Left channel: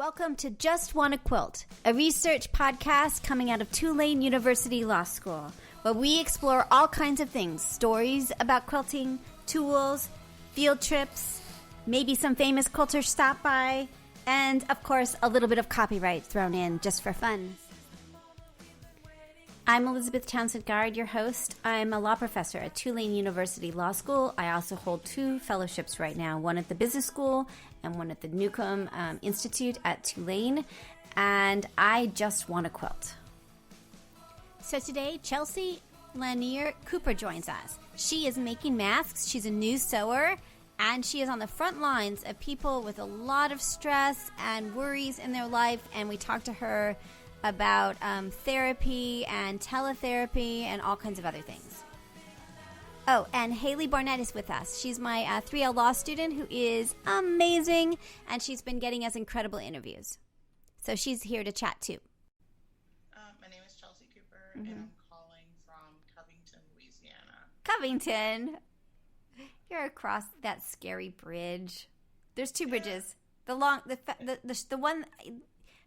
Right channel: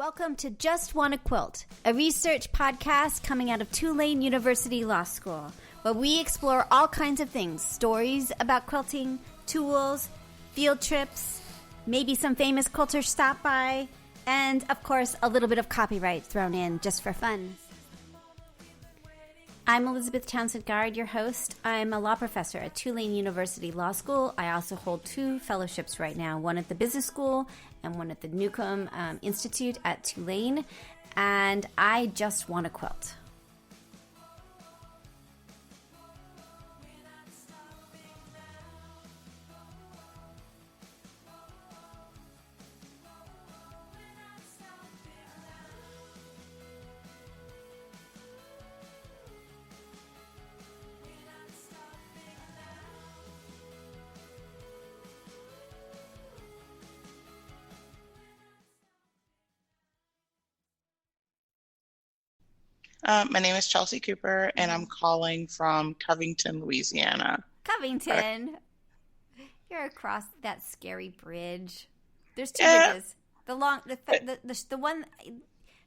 Welcome to JustWannaQuilt, a research podcast coming out of Tulane University Law School, where we explore all kinds of things, stories about quilting, tools, field trips, maybe some famous quilters stop by, and, of course, a little bit of copyright thrown in just for fun. I'm Elizabeth Townsend-Guard, your host. I'm a law professor at Tulane University Law School. I also hold 2 fellowships right now, one at the Business School and one at the Newcomb Institute at Tulane. And I just want to quilt. So today, Chelsea Lanier Cooper joins us. She is making masks. She's a new sewer. And she is on the front lines of people with a lot of stress and worries in their life. And we talked to her about therapy and teletherapy and all kinds of other things. Oh, and Haley Barnett is with us. She's my 3L law student who is amazing, and she's been getting us incredible interviews. So she's here to chat too. My name is Chelsea Cooper, and I'm calling from Covington, Louisiana. Covington? You're across that scary bridge. There's 2 bridges. The one...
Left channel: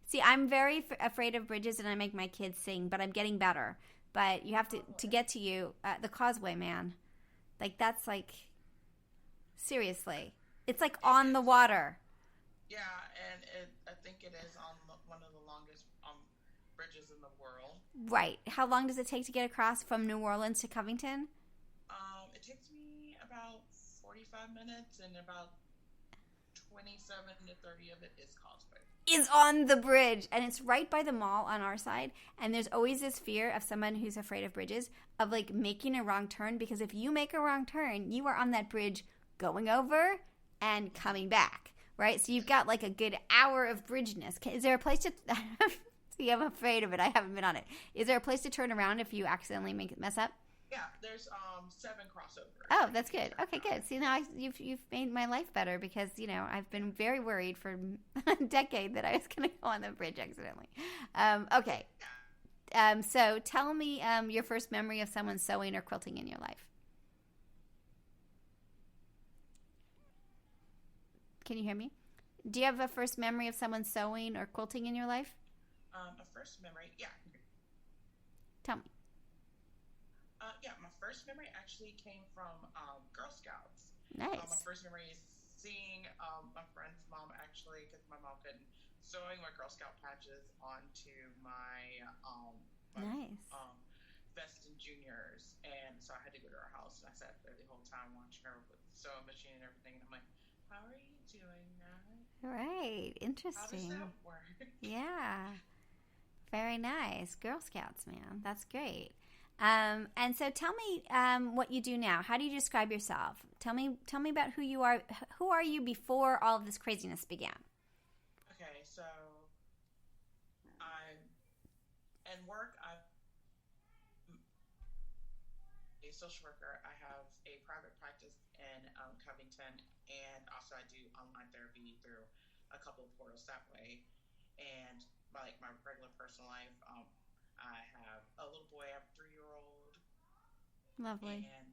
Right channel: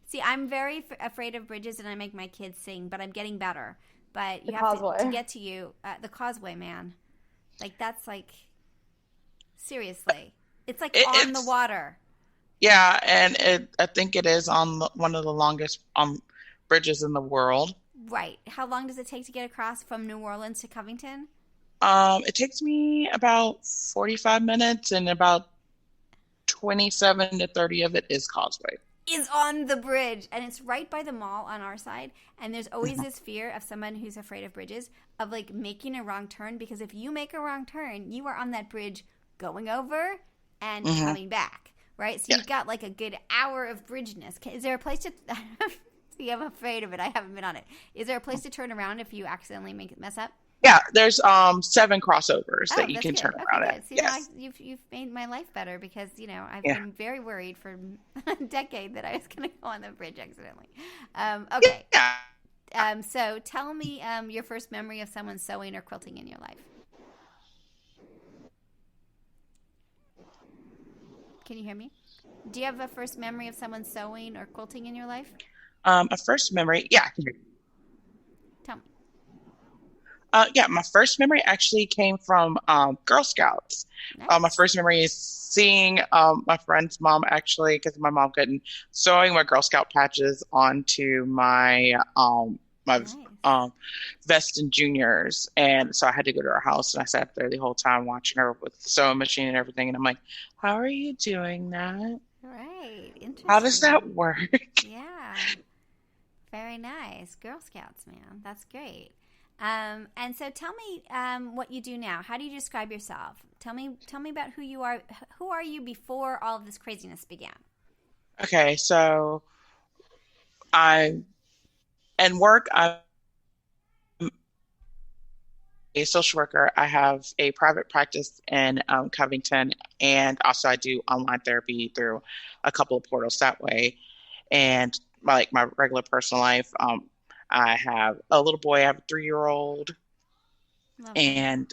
See, I'm very afraid of bridges, and I make my kids sing, but I'm getting better. But you have to get to you, the causeway, man. Like, that's like, seriously. It's like on the water. Yeah, and I think it is on one of the longest bridges in the world. Right. How long does it take to get across from New Orleans to Covington? It takes me about 45 minutes, and about 27 to 30 of it is causeway. Is on the bridge, and it's right by the mall on our side, and there's always this fear of someone who's afraid of bridges of like making a wrong turn, because if you make a wrong turn, you are on that bridge going over and coming back, right? So you've got like a good hour of bridgeness. Is there a place to see, I'm afraid of it, I haven't been on it. Is there a place to turn around if you accidentally mess up? Yeah, there's 7 crossovers that you can turn around. Okay, good. See, now you've made my life better, because I've been very worried for a decade that I was going to go on the bridge accidentally. Okay. Yeah. So tell me your first memory of someone sewing or quilting in your life. Can you hear me? Do you have a first memory of someone sewing or quilting in your life? A first memory, yeah. I can hear you. Tell me. My first memory actually came from Girl Scouts. Nice. My first memory is seeing my friend's mom, actually, because my mom couldn't, sewing my Girl Scout patches onto my nice. vest and juniors. And so I had to go to her house, and I sat there the whole time watching her with the sewing machine and everything. And I'm like, how are you doing that? Right. Interesting. How does that work? Yeah. Very nice. Girl Scouts, man. That's great. And so tell me what you do now. How do you describe yourself? Tell me about who you are. Who are you before all of this craziness began? Okay, so I'm a social worker. I have a private practice in Covington, and also I do online therapy through a couple of portals that way. And my regular personal life, I have a little boy. I have a 3-year-old. Lovely. And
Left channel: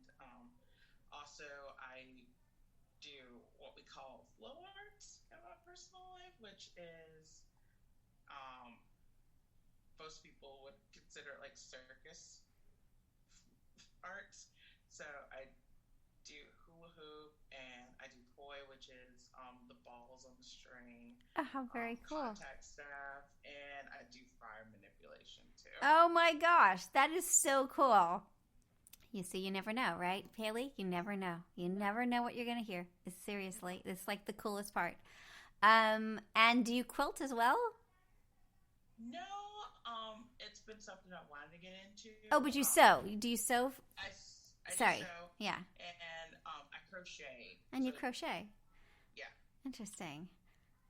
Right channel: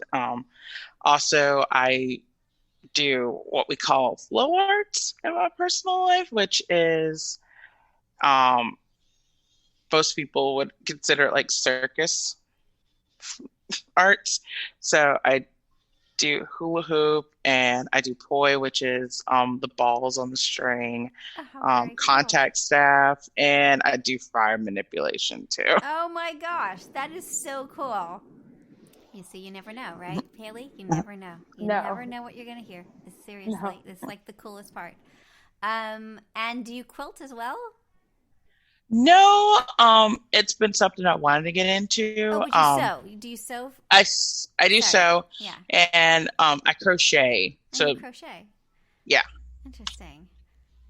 also I do what we call flow arts in my personal life, which is most people would consider it like circus arts. So I do hula hoop, and I do poi, which is the balls on the string, contact staff, and I do fire manipulation too. Oh my gosh, that is so cool. You see, you never know, right, Haley? You never know. You never know what you're going to hear. Seriously, it's like the coolest part. And do you quilt as well? No, it's been something I wanted to get into. Oh, but you sew. Do you sew? I do sew. Yeah. And I crochet. And you crochet? Yeah. Interesting.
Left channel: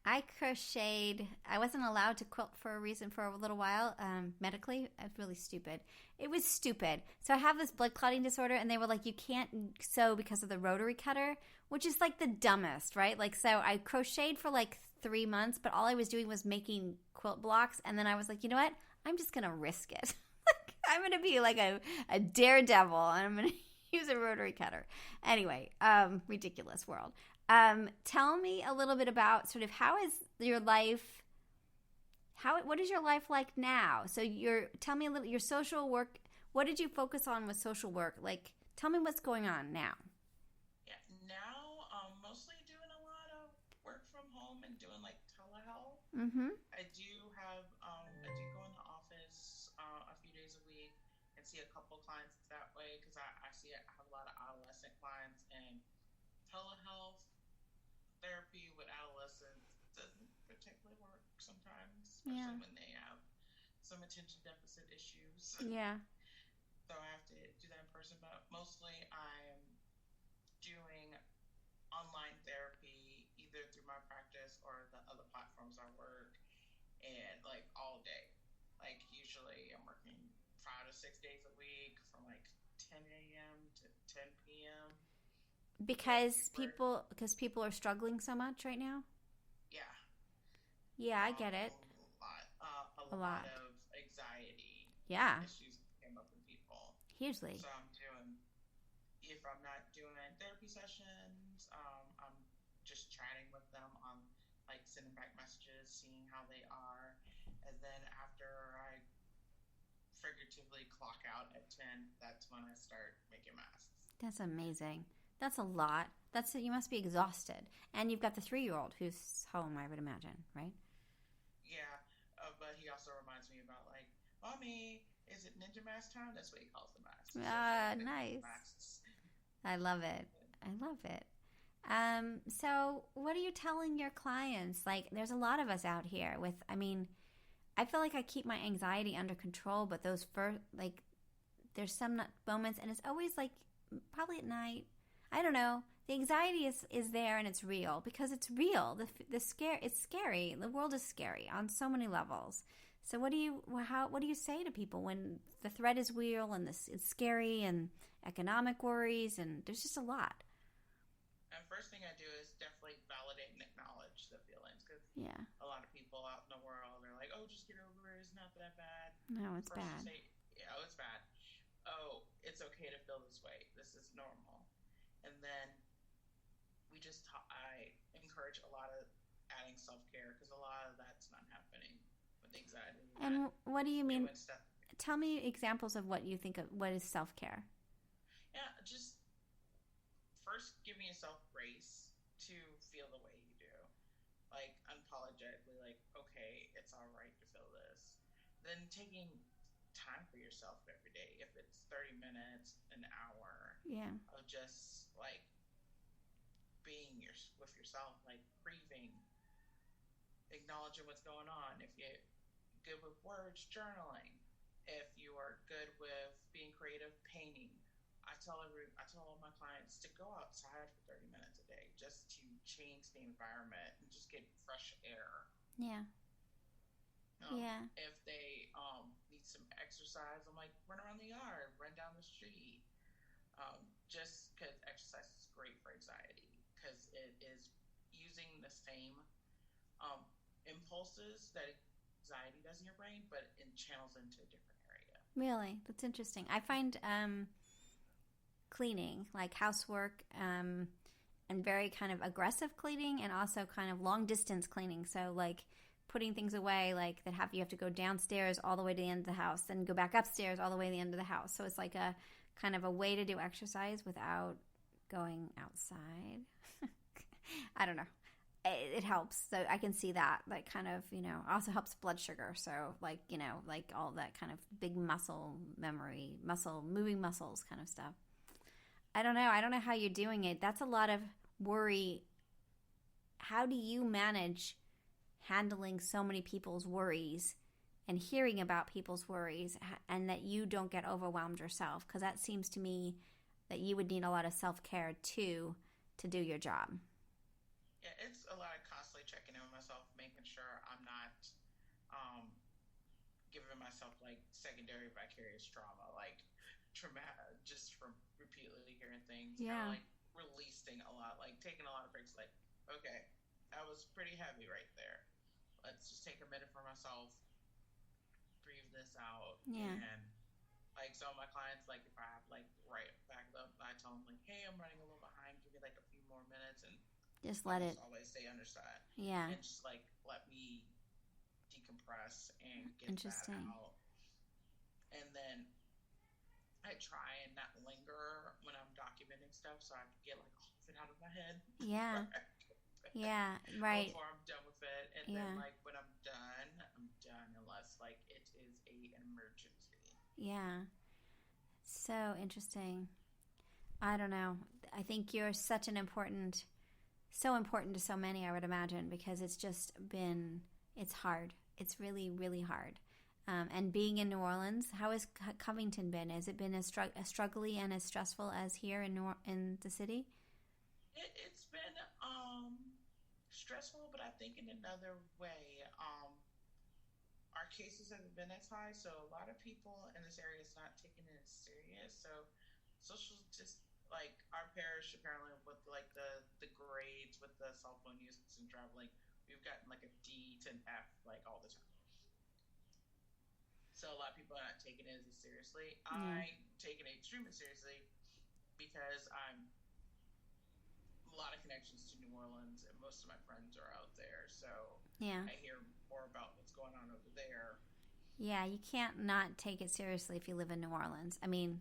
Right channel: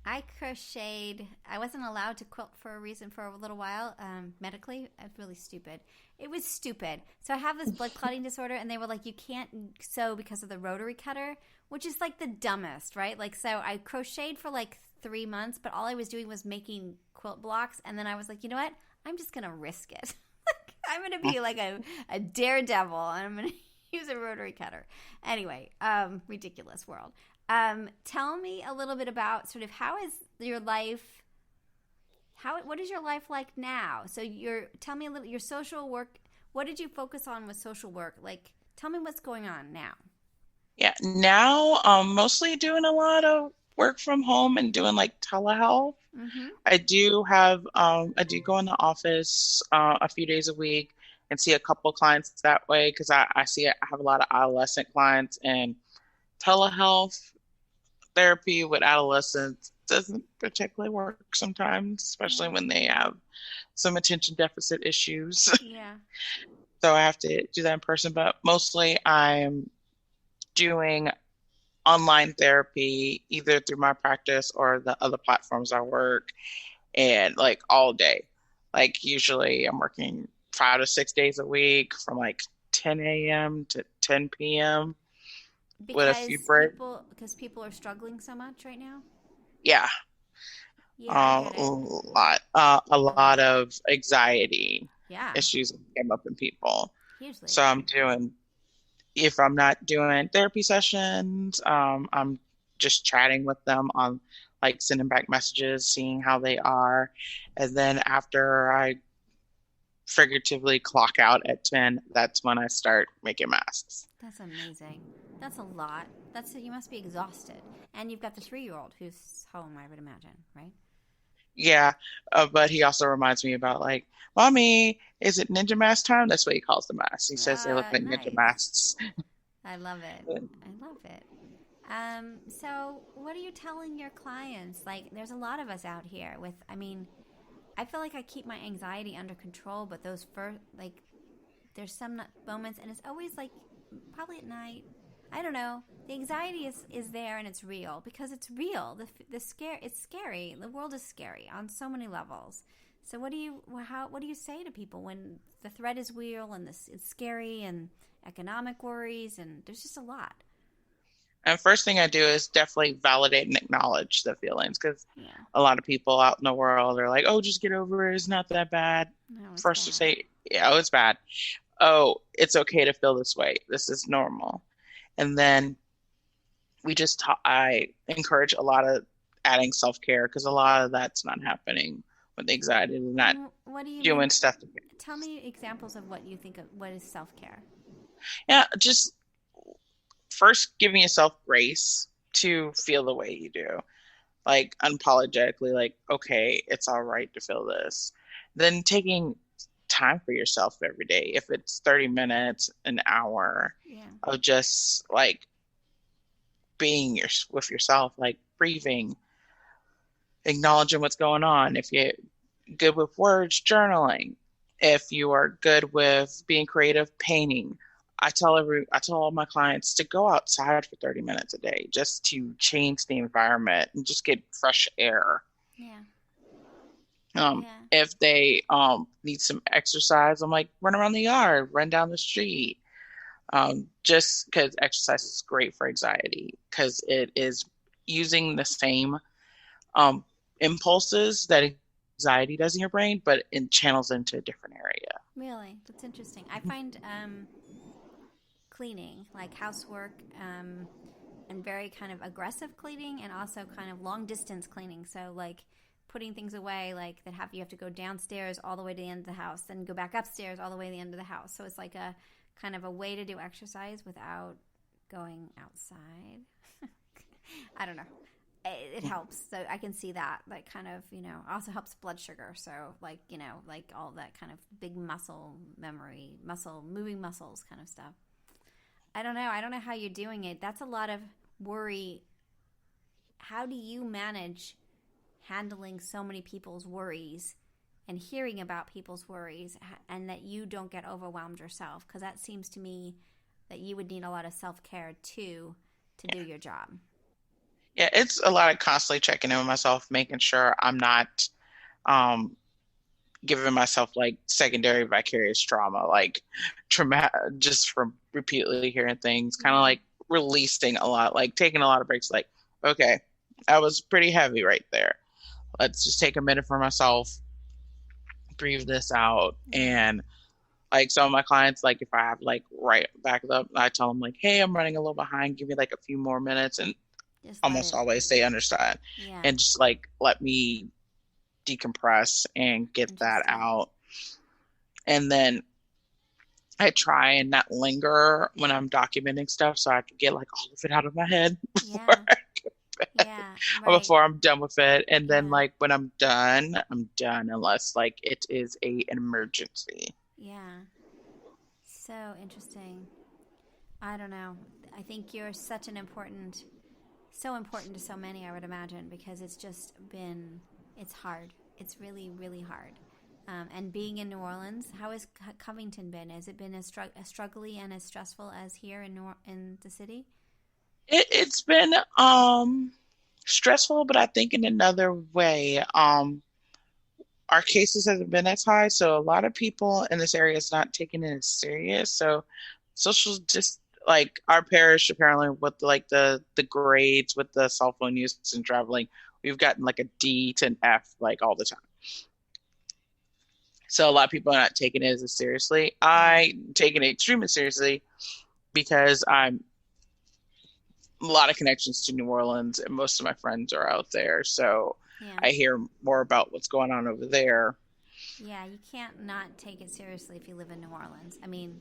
I crocheted. I wasn't allowed to quilt for a reason for a little while, medically. It's really stupid. It was stupid. So I have this blood clotting disorder, and they were like, you can't sew because of the rotary cutter, which is like the dumbest, right? Like, so I crocheted for like 3 months, but all I was doing was making quilt blocks, and then I was like, you know what? I'm just going to risk it. I'm going to be like a daredevil, and I'm going to use a rotary cutter. Anyway, ridiculous world. Tell me a little bit about sort of how has your life What is your life like now? So tell me a little, your social work, what did you focus on with social work? Like, tell me what's going on now. Yeah, now mostly doing a lot of work from home and doing like telehealth. Mm-hmm. I do go in the office a few days a week and see a couple clients that way because I have a lot of adolescent clients, and telehealth therapy with adolescents doesn't particularly work sometimes, especially Yeah. when they have some attention deficit issues. Yeah. So I have to do that in person, but mostly I'm doing online therapy either through my practice or the other platforms I work, and like all day. Like usually I'm working 5 to 6 days a week from like 10 a.m. to 10 p.m. with a few breaks. Because people are struggling so much right now. Yeah, Yeah, I get it. a A lot. lot of anxiety Yeah, issues came up in people. hugely. So if I'm not doing therapy sessions, I'm just chatting with them on like sending back messages, seeing how they are. And then after I figuratively clock out at 10, that's when I start making masks. That's amazing. That's a lot. You must be exhausted. And you've got the 3-year-old who's home, I would imagine, right? Yeah, but he also reminds me about like, Mommy, is it ninja mask time? That's what he calls the masks. He says they look like ninja Nice. masks. I love it. I love it. So what are you telling your clients? Like, there's a lot of us out here I feel like I keep my anxiety under control, but those first, like, there's some moments, and it's always like, probably at night. I don't know. The anxiety is there, and it's real because it's real. It's scary. The world is scary on so many levels. So what do you say to people when the threat is real and it's scary and economic worries and there's just a lot? And first thing I do is definitely validate and acknowledge the feelings because Yeah. a lot of people out in the world are like, oh, just get over it. It's not that bad. No, it's First to bad. say, yeah, oh, it's bad. Oh, it's okay to feel this way. This is normal. And then I encourage a lot of adding self-care because a lot of that's not happening with anxiety. They're not And what do you mean? doing stuff. Tell me examples of what you think of what is self-care. Yeah, just first giving yourself grace to feel the way you do. Like unapologetically, like, okay, it's all right to feel this. Then taking time for yourself every day. If it's 30 minutes, an hour Yeah. of just like with yourself, like breathing, acknowledging what's going on. If you're good with words, journaling. If you are good with being creative, painting. I tell all my clients to go outside for 30 minutes a day just to change the environment and just get fresh air. Yeah. If they need some exercise, I'm like, run around the yard, run down the street. Just because exercise is great for anxiety because it is using the same impulses that anxiety does in your brain, but it channels into a different area. Really? That's interesting. I find cleaning, like housework, and very kind of aggressive cleaning and also kind of long distance cleaning. So like putting things away like you have to go downstairs all the way to the end of the house, then go back upstairs all the way to the end of the house. So it's like a kind of a way to do exercise without going outside. I don't know. It helps. So I can see that kind of, also helps blood sugar. So like all that kind of big moving muscles kind of stuff. I don't know how you're doing it. That's a lot of worry. How do you manage handling so many people's worries and hearing about people's worries and that you don't get overwhelmed yourself? Because that seems to me that you would need a lot of self-care too to do your job. Yeah, it's a lot of constantly checking in with myself, making sure I'm not giving myself like secondary vicarious trauma, like trauma just from repeatedly hearing things, kind of like releasing a lot, like taking a lot of breaks, like, okay, that was pretty heavy right there. Let's just take a minute for myself, breathe this out. And like some of my clients, like if I have like right back up, I tell them like, hey, I'm running a little behind, give me like a few more minutes, and almost always they understand and just like let me decompress and get that Interesting. out. And then I try and not linger when I'm documenting stuff so I can get like all of it out of my head Yeah. Yeah. Right. before I'm done with it. And then Yeah. like when I'm done unless like it is an emergency. Yeah. So interesting. I don't know. I think you're such an important, so important to so many, I would imagine, because it's just been, it's hard. It's really, really hard. And being in New Orleans, how has Covington been? Has it been as struggly and as stressful as here in the city? It's been stressful, but I think in another way. Our cases haven't been as high, so a lot of people in this area is not taking it as serious. So social just like our parish apparently with like the grades with the cell phone use and traveling, we've gotten like a D to an F like all the time. So a lot of people are not taking it as seriously. Yeah. I taking it extremely seriously because I'm a lot of connections to New Orleans and most of my friends are out there. So Yeah. I hear more about what's going on over there. Yeah, you can't not take it seriously if you live in New Orleans. I mean,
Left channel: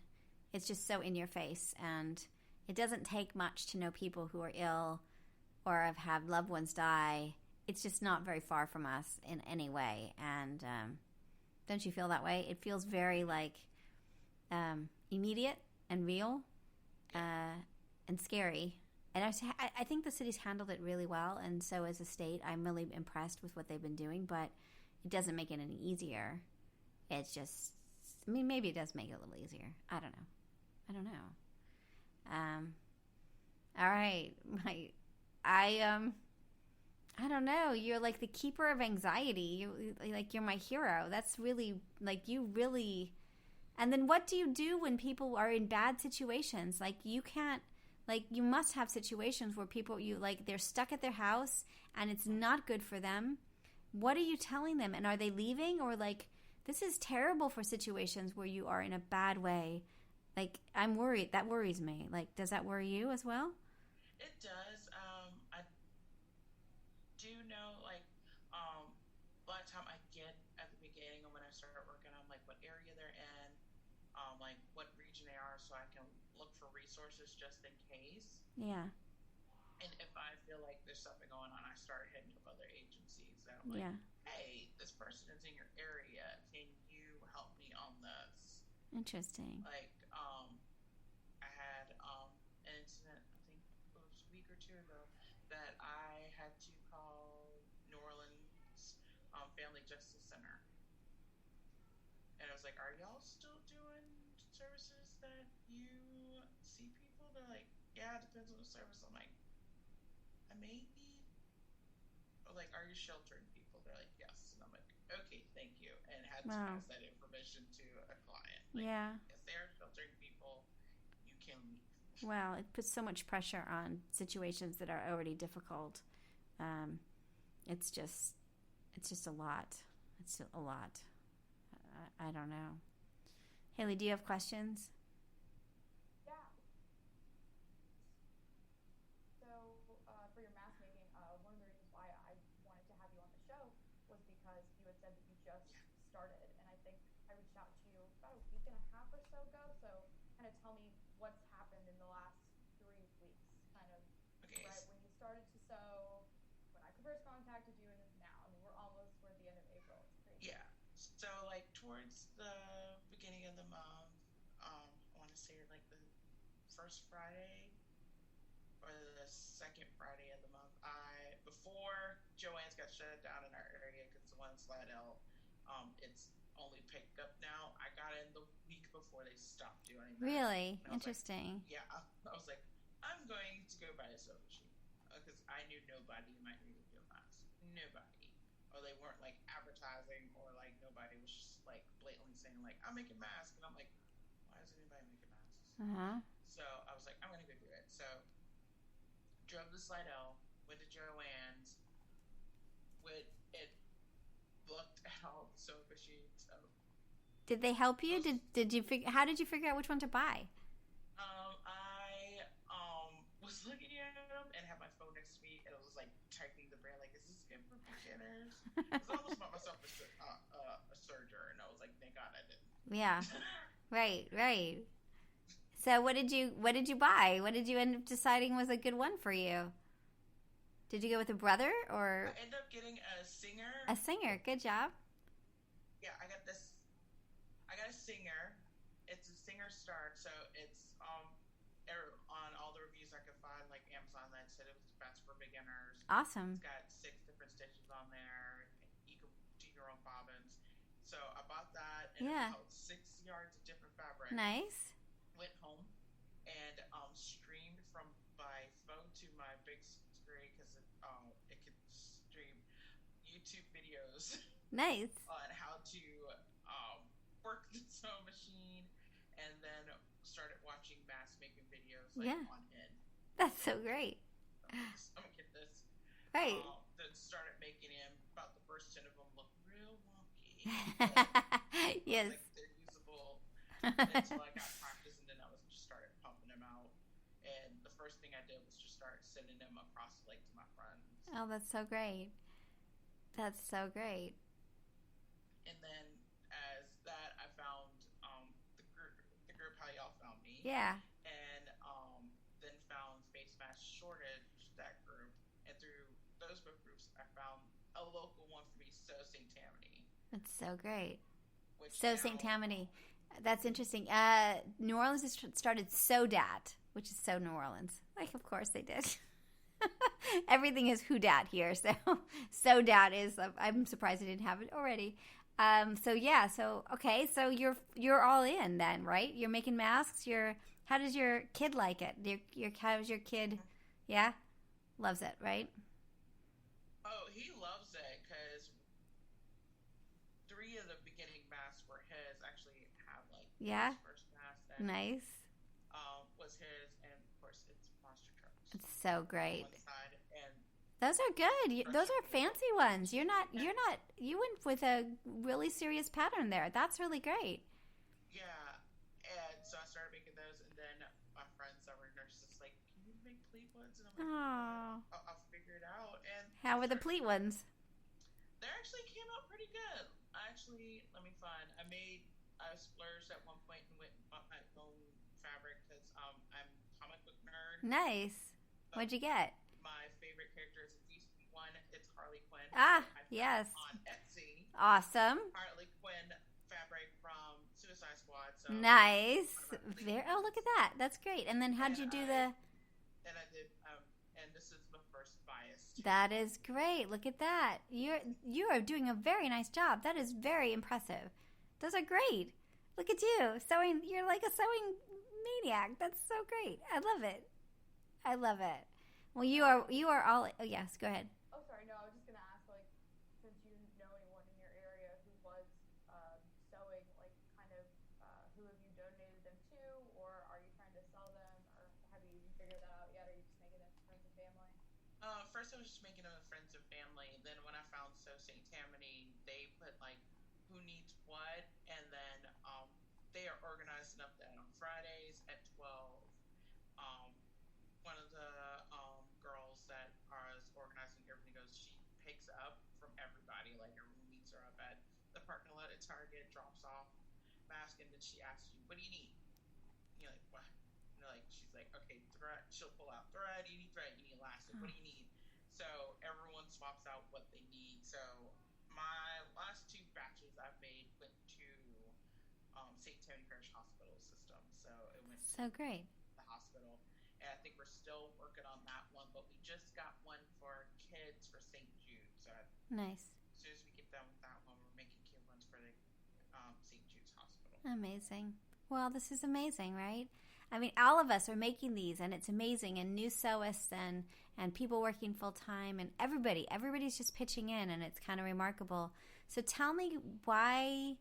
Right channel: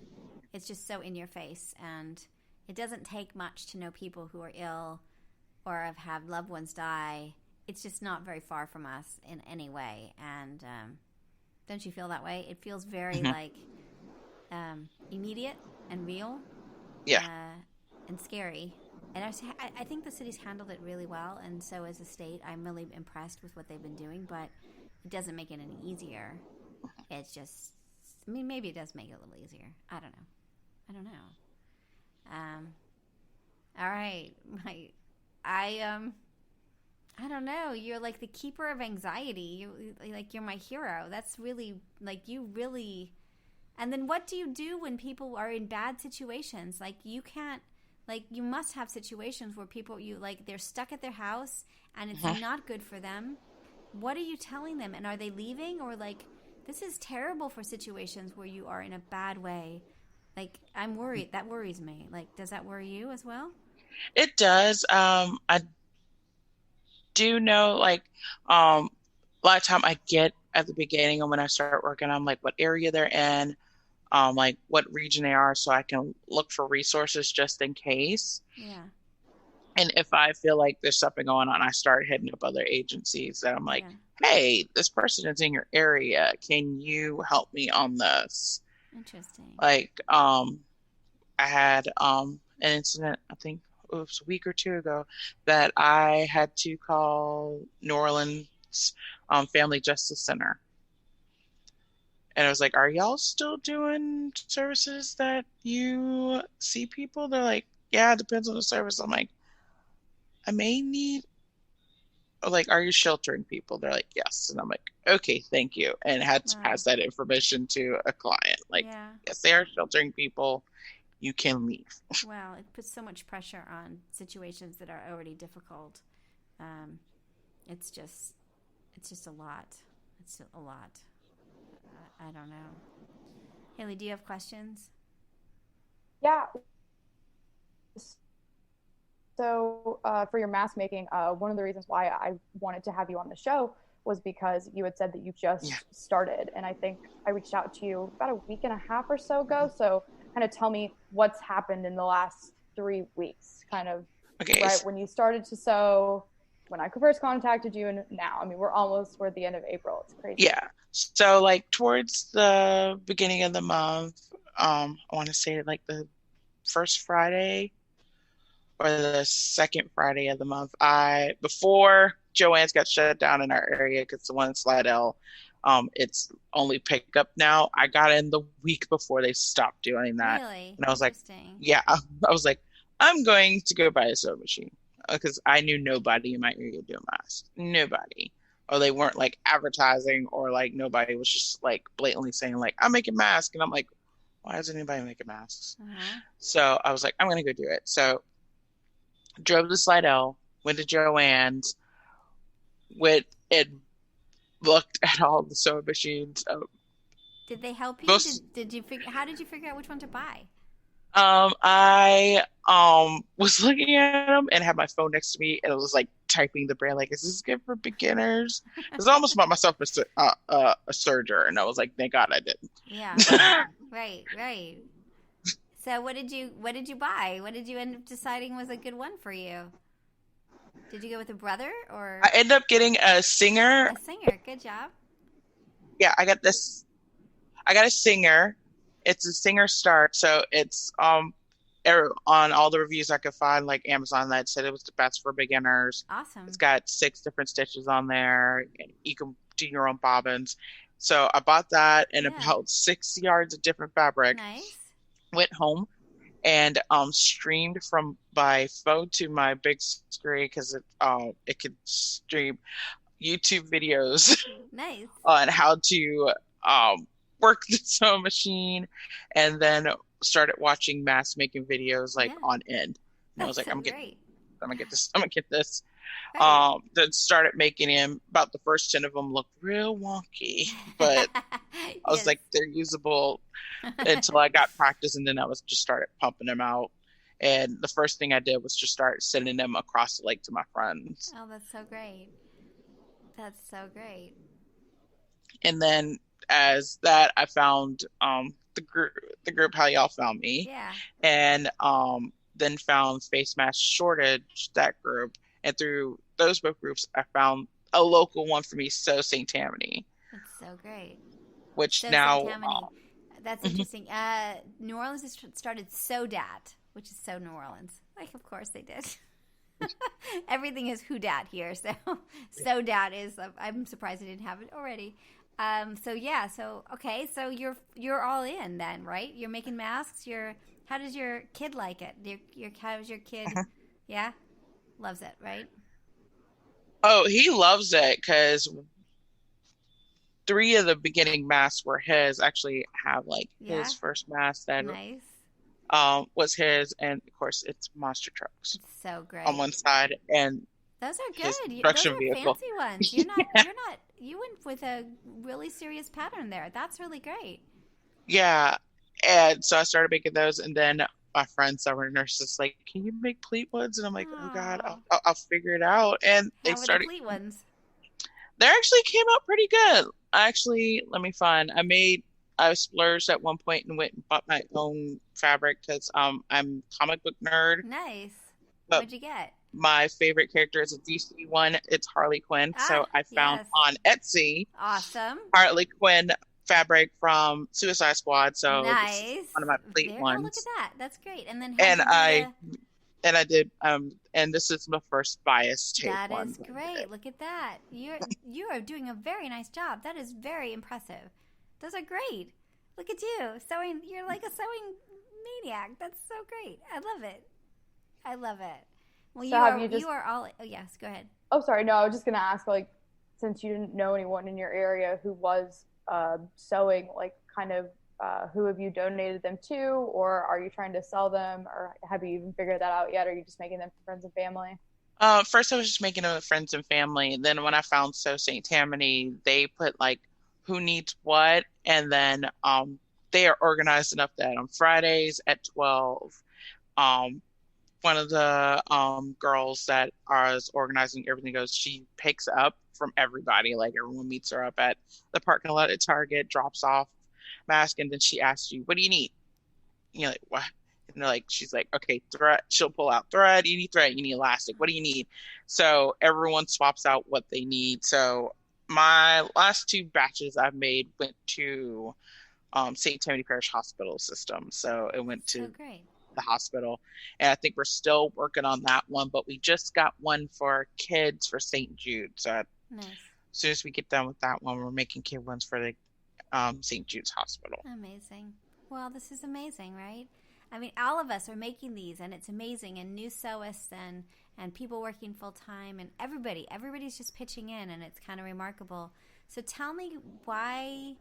it's just so in your face, and it doesn't take much to know people who are ill or have had loved ones die. It's just not very far from us in any way. And don't you feel that way? It feels very Hmm. like immediate and real Yeah. and scary. And I think the city's handled it really well. And so, as a state, I'm really impressed with what they've been doing. But it doesn't make it any easier. It's just, I mean, maybe it does make it a little easier. I don't know. I don't know. Um, all right, I I don't know. You're like the keeper of anxiety. You're my hero. That's really like you really. And then what do you do when people are in bad situations? Like you can't. Like you must have situations where people you like they're stuck at their house and it's Mhm. not good for them. What are you telling them? And are they leaving or like this is terrible for situations where you are in a bad way? Like I'm worried. That worries me. Like does that worry you as well? It does. I do know like a lot of time I get at the beginning and when I start working on like what area they're in, like what region they are so I can look for resources just in case. Yeah. And if I feel like there's something going on, I start hitting up other agencies that I'm like, Yeah. hey, this person is in your area. Can you help me on this? Interesting. Like, I had an incident, I think it was a week or two ago, that I had to call New Orleans Family Justice Center. And I was like, are y'all still doing services that you see people? They're like, yeah, it depends on the service. I'm like, I may need, or like, are you sheltering people? They're like, yes. And I'm like, okay, thank you. And had to Wow. pass that information to a client. Like, Yeah. yes, they are sheltering people. You can leave. Well, it puts so much pressure on situations that are already difficult. Um, it's just, it's just a lot. It's a lot. I don't know. Haley, do you have questions? Yeah. So, for your mask making, one of the reasons why I wanted to have you on the show was because you had said that you Yeah. just started. And I think I reached out to you about a week and a half or so ago. So, kind of tell me what's happened in the last 3 weeks, kind of Okay. right when you started to sew, when I first contacted you, and now. I mean, we're at the end of April. It's crazy. Yeah. So like towards the beginning of the month, I want to say like the first Friday or the second Friday of the month. I before Joanne's got shut down in our area because the one in Slidell, it's only pickup now. I got in the week before they stopped doing that, Really and I was like, interesting. yeah, I was like, I'm going to go buy a sewing machine because I knew nobody in my area doing masks, nobody. Or they weren't like advertising, or like nobody was just like blatantly saying like I'm making masks, and I'm like, why is anybody making masks? Uh huh. So I was like, I'm gonna go do it. So drove to Slidell, went to Joanne's, went and looked at all the sewing machines. Did they help you? Most Did you figure? How did you figure out which one to buy? I was looking at them and had my phone next to me, and it was like typing the brand, like, "Is this good for beginners?" Because I almost bought myself a serger, and I was like, "Thank God I Yeah. didn't." Right, right. So what did you buy? What did you end up deciding was a good one for you? Did you go with a brother I or ended up getting a singer. a singer? Good job. Yeah, I got this. I got a singer. It's a singer start, so it's on all the reviews I could find, like Amazon, that said it was the best for beginners. It's Awesome. got 6 different stitches on there, and you can do your own bobbins. So I bought that and Yeah. about 6 yards of different fabric. Nice. Went home and streamed from my phone to my big screen because it could stream YouTube videos Nice. on how to work the sewing machine, and then started watching mask making videos like Yeah. on end. And I was That's like, so great. I'm gonna get this. I'm gonna get this. Right. Then started making him. About the first 10 of them looked real wonky, but I was Yes. like, they're usable until I got practice, and then I was just started pumping them out. And the first thing I did was just start sending them across the lake to my friends. Oh, that's so great. That's so great. And then as that, I found the group how y'all found me, Yeah. and then found Face Mask Shortage, that group, and through those both groups, I found a local one for me, So St. Tammany, That's so great. which So now St. Tammany. That's mhm, interesting. New Orleans has started SoDat, which is so New Orleans. Like, of course they did. Everything is who dat here, so SoDat is. I'm surprised I didn't have it already. So yeah, so okay, so you're all in then, right? You're making masks. How does your kid like it? How's your kid? mhm. Yeah, loves it, right? Oh, he loves it because 3 of the beginning masks were his. Actually, have like Yeah, his first mask that nice. was his, and of course it's monster trucks It's so on great. one side and Those are his good. Those construction are vehicle. fancy ones. You're not. You're not. You went with a really serious pattern there. That's really great. Yeah, and so I started making those, and then my friends that were nurses like, "Can you make pleat ones?" And I'm like, "Oh God, Oh, I'll figure it out." And they how were the started. pleat ones? They actually came out pretty good. Actually, let me find. I splurged at one point and went and bought my own fabric because I'm a comic book nerd. Nice. But What'd you get? my favorite character is a DC one. It's Harley Quinn. Ah, So I found yes. on Etsy Awesome. Harley Quinn fabric from Suicide Squad. So this is Nice. one of my pleat There. Oh, look at ones. that. That's great. And then how'd And you do I and I did and this is my first bias tape That one is that I did. great. Look at that. You are doing a very nice job. That is very impressive. Those are great. Look at you sewing. You're like a sewing maniac. That's so great. I love it. I love it. Well, So you have are you just? you are all. Oh yes, go ahead. Oh, sorry. No, I was just gonna ask, like, since you didn't know anyone in your area who was sewing, like, kind of, who have you donated them to, or are you trying to sell them, or have you even figured that out yet? Or are you just making them for friends and family? First I was just making them with friends and family. And then when I found So St. Tammany, they put like who needs what, and then they are organized enough that on Fridays at 12, um, one of the girls that is organizing everything goes, she picks up from everybody, like everyone meets her up at the parking lot at Target, drops off mask, and then she asks you, "What do you need?" And you're like, "What?" And they're like, she's like, "Okay, thread." She'll pull out thread. You need thread. You need elastic. What do you need? So everyone swaps out what they need. So my last 2 batches I've made went to St. Tammany Parish Hospital System. So it went So to great. the hospital. And I think we're still working on that one, but we just got one for kids for St. Jude. So as Nice. soon as we get done with that one, we're making kid ones for the St. Jude's Hospital. Amazing. Well, this is amazing, right? I mean, all of us are making these, and it's amazing. And new sewists and people working full time, and everybody's just pitching in, and it's kind of remarkable. So tell me why.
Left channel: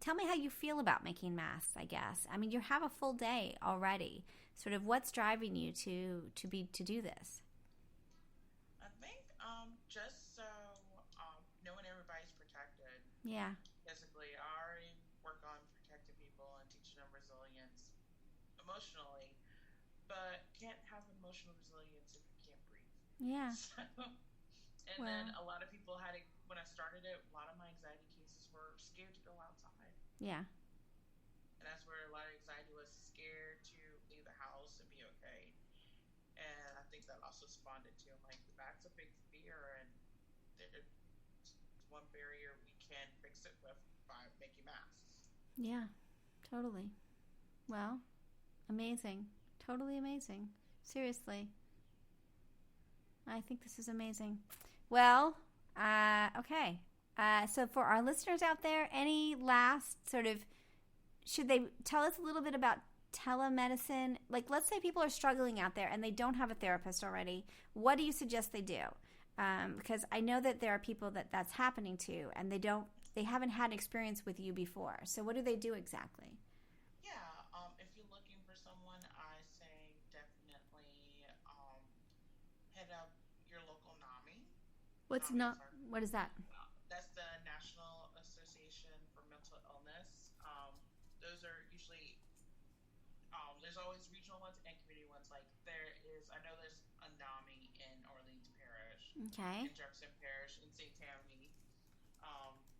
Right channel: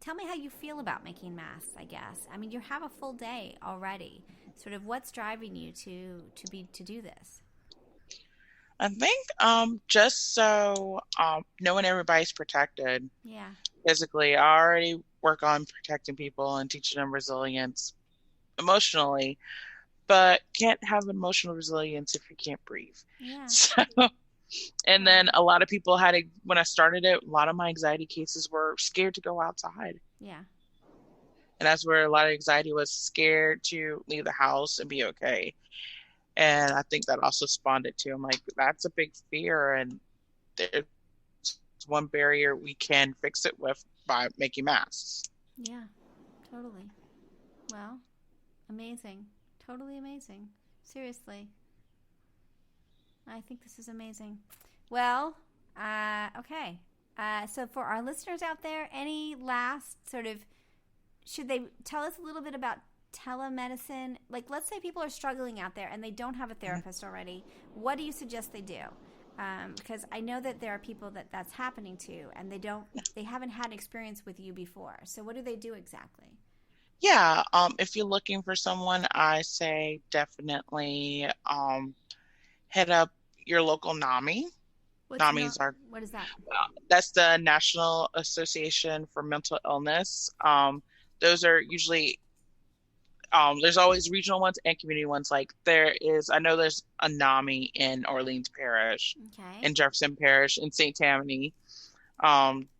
Tell me how you feel about making masks. I guess. I mean, you have a full day already. Sort of, what's driving you to do this? I think just so knowing everybody's protected Yeah. physically, I already work on protecting people and teaching them resilience emotionally, but can't have emotional resilience if you can't breathe. Yeah. So, and then a lot of people when I started it, a lot of my anxiety cases were scared to go outside. Yeah. And that's where a lot of anxiety was, scared to leave the house and be okay. And I think that also spawned it too. I'm like, that's a big fear. And there's one barrier we can fix it with by making masks. Yeah, totally. Well, amazing. Totally amazing. Seriously. I think this is amazing. Well, okay. So for our listeners out there, any last sort of, should they tell us a little bit about telemedicine? Like, let's say people are struggling out there and they don't have a therapist already. What do you suggest they do? Because I know that there are people that's happening to, and they haven't had experience with you before. So what do they do exactly? Yeah, if you're looking for someone, I say definitely hit up your local NAMI. What is that? That's the National Association for Mental Illness. Those are usually there's always regional ones and community ones. Like I know there's a NAMI in Orleans Parish, in Jefferson Parish, in St. Tammany.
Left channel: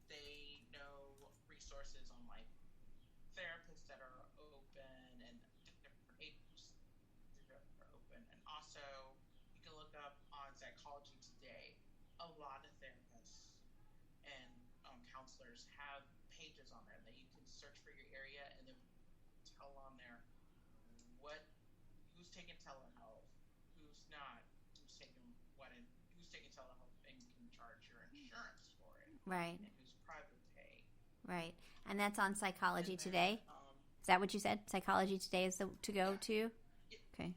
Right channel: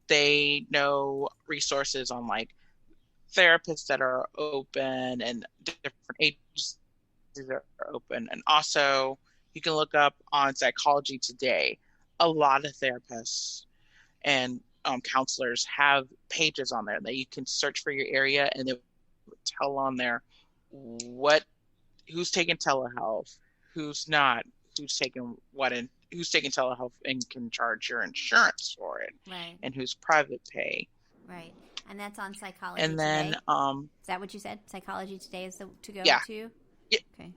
They know resources on like therapists that are open and different agencies that are open. And also you can look up on Psychology Today. A lot of therapists and counselors have pages on there that you can search for your area, and they tell on there who's taking telehealth, who's not, who's taking telehealth and can charge your insurance for it, right? And who's private pay, right? And that's on Psychology and then, Today. Is that what you said? Psychology Today is to go to. Yep. Okay.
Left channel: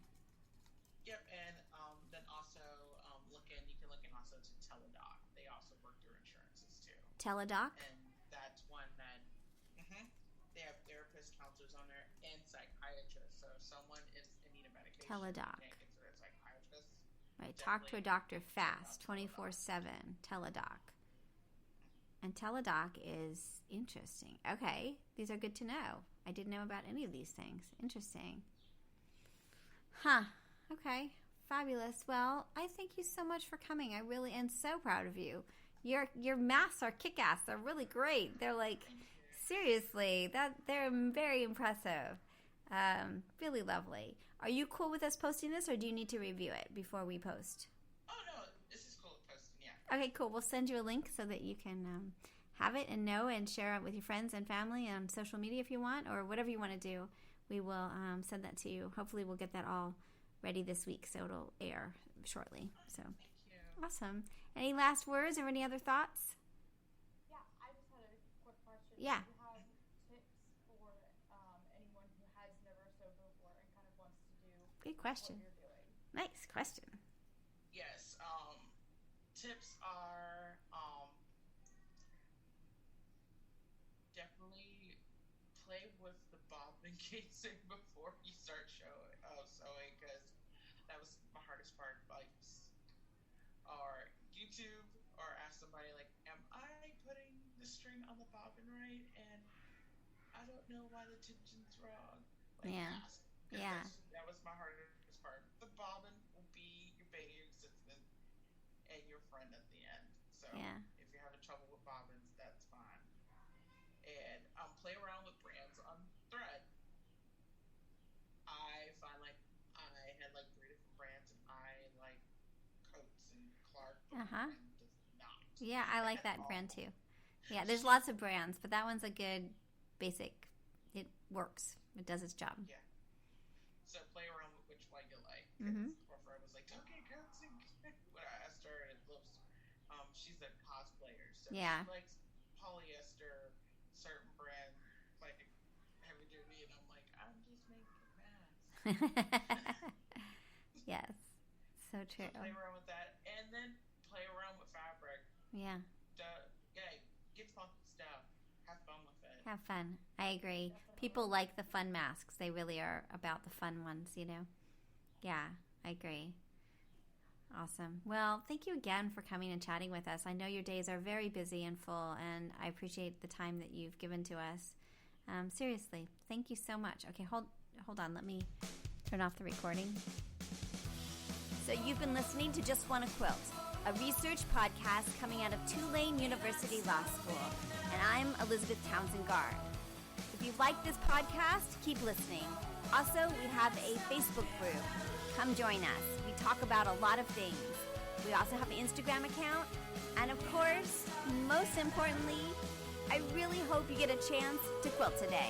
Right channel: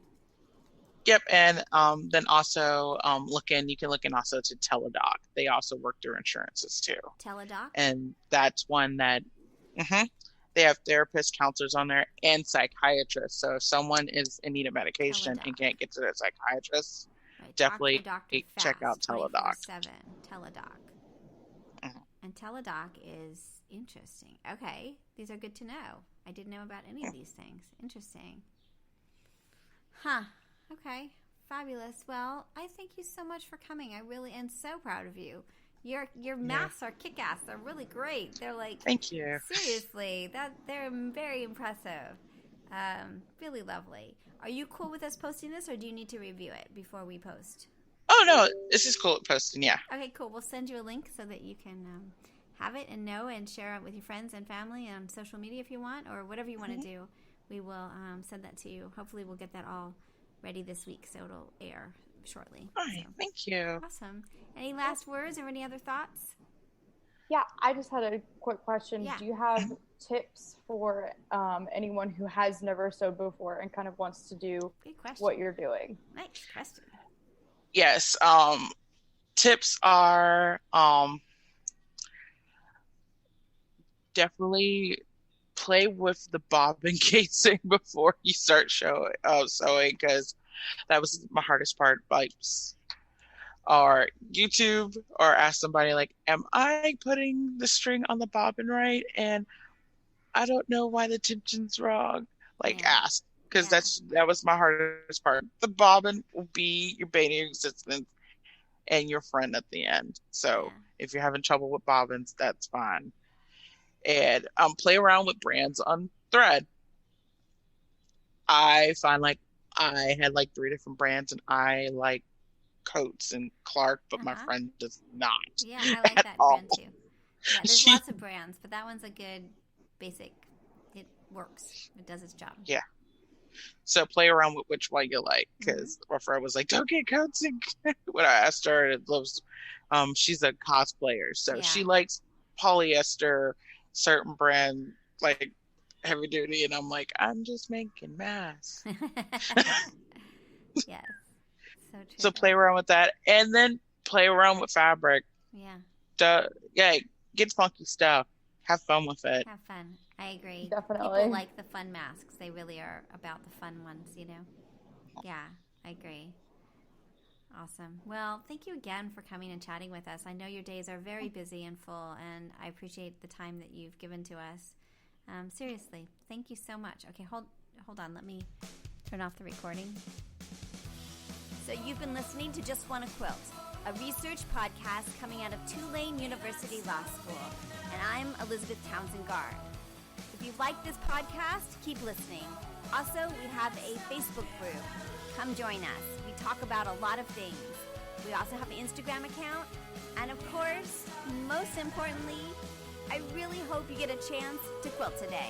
Yep, and then also you can look in also to Teledoc. They also work through insurances too. Teledoc. And that's one that they have therapists, counselors on there, and psychiatrists. So if someone is in need of medication and can't get to their psychiatrist, definitely check out Teledoc. 24/7 Teledoc. And Teledoc is interesting. Okay, these are good to know. I didn't know about any of these things. Interesting. Huh. Okay. Fabulous. Well, I thank you so much for coming. I really am so proud of you. Your masks are kick-ass. They're really great. They're like, thank you. Seriously, they're very impressive. Really lovely. Are you cool with us posting this, or do you need to review it before we post? Oh no, this is cool at posting. Yeah. Okay, cool. We'll send you a link so that you can have it and know and share it with your friends and family on social media if you want, or whatever you want to do. We will send that to you. Hopefully, we'll get that all ready this week, so it'll air shortly. All right, thank you. Awesome. Any last words or any other thoughts? Yeah, I just had a quick question. Yeah. Do you have tips for anyone who has never sewed before and kind of wants to do what you're doing? Nice question. Yes. Tips are definitely play with the bobbin casing before you start sewing, because that was my hardest part. Like, or YouTube, or ask somebody like, am I putting the string on the bobbin right? And I don't know why the tension's wrong. Like, ask, because that was my hardest part. The bobbin will be your bane of existence and your friend at the end. So if you're having trouble with bobbins, that's fine. And play around with brands on thread. I find like I had like 3 different brands, and I like Coates and Clark, but my friend does not. Yeah, I like that brand too. Yeah, there's lots of brands, but that one's a good basic. It works. It does its job. Yeah. So play around with which one you like, because my friend was like, "Don't get Coates." When I asked her, it loves. She's a cosplayer, so she likes polyester, certain brand, like heavy duty, and I'm like, I'm just making masks. Yes, so true. So play around with that, and then play around with fabric. Yeah. Get funky stuff. Have fun with it. Have fun. I agree. Definitely. People like the fun masks. They really are about the fun ones, you know? Yeah, I agree. Awesome. Well, thank you again for coming and chatting with us. I know your days are very busy and full, and I appreciate the time that you've given to us. Seriously, thank you so much. Okay, Hold on, let me turn off the recording. So you've been listening to Just Wanna Quilt, a research podcast coming out of Tulane University Law School. And I'm Elizabeth Townsend Garr. If you like this podcast, keep listening. Also, we have a Facebook group. Come join us. We talk about a lot of things. We also have an Instagram account. And of course, most importantly, I really hope you get a chance to quilt today.